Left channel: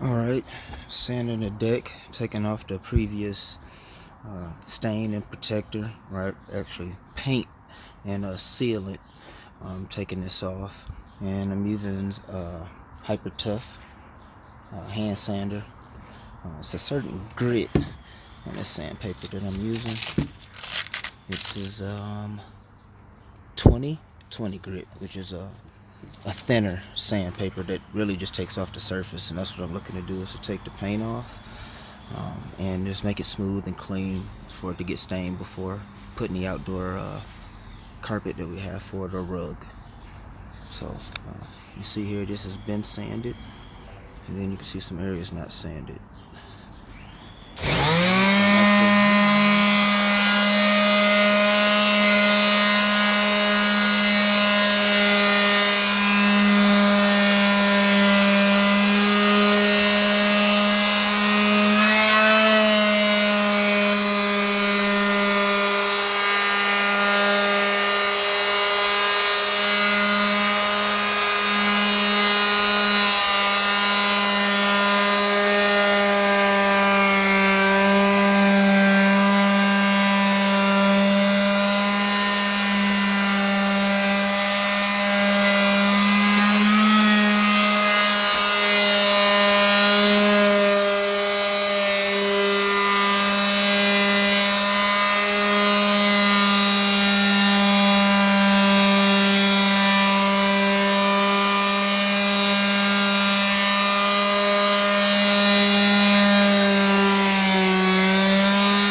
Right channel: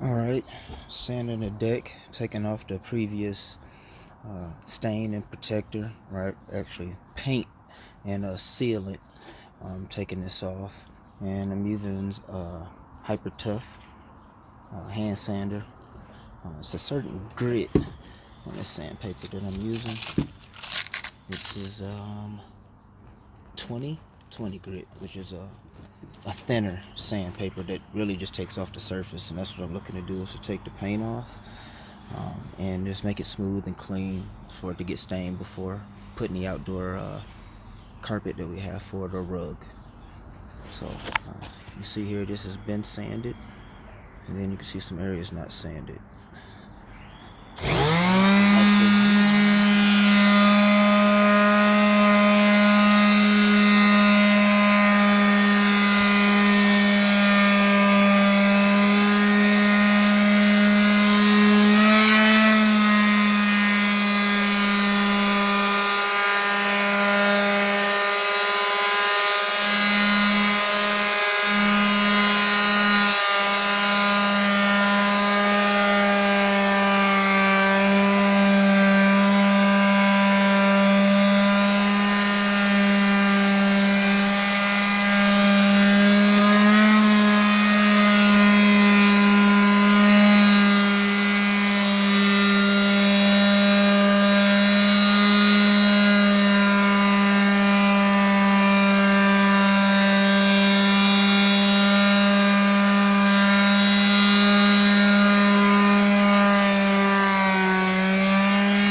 Alright, sanding the deck, taking off the previous stain and protector, right? Actually, paint and sealant. Taking this off, and I'm using Hyper Tough hand sander. It's a certain grit in the sandpaper that I'm using. This is 20 grit, which is a thinner sandpaper that really just takes off the surface, and that's what I'm looking to do, is to take the paint off and just make it smooth and clean for it to get stained before putting the outdoor carpet that we have for it, or rug. So you see here, this has been sanded, and then you can see some areas not sanded.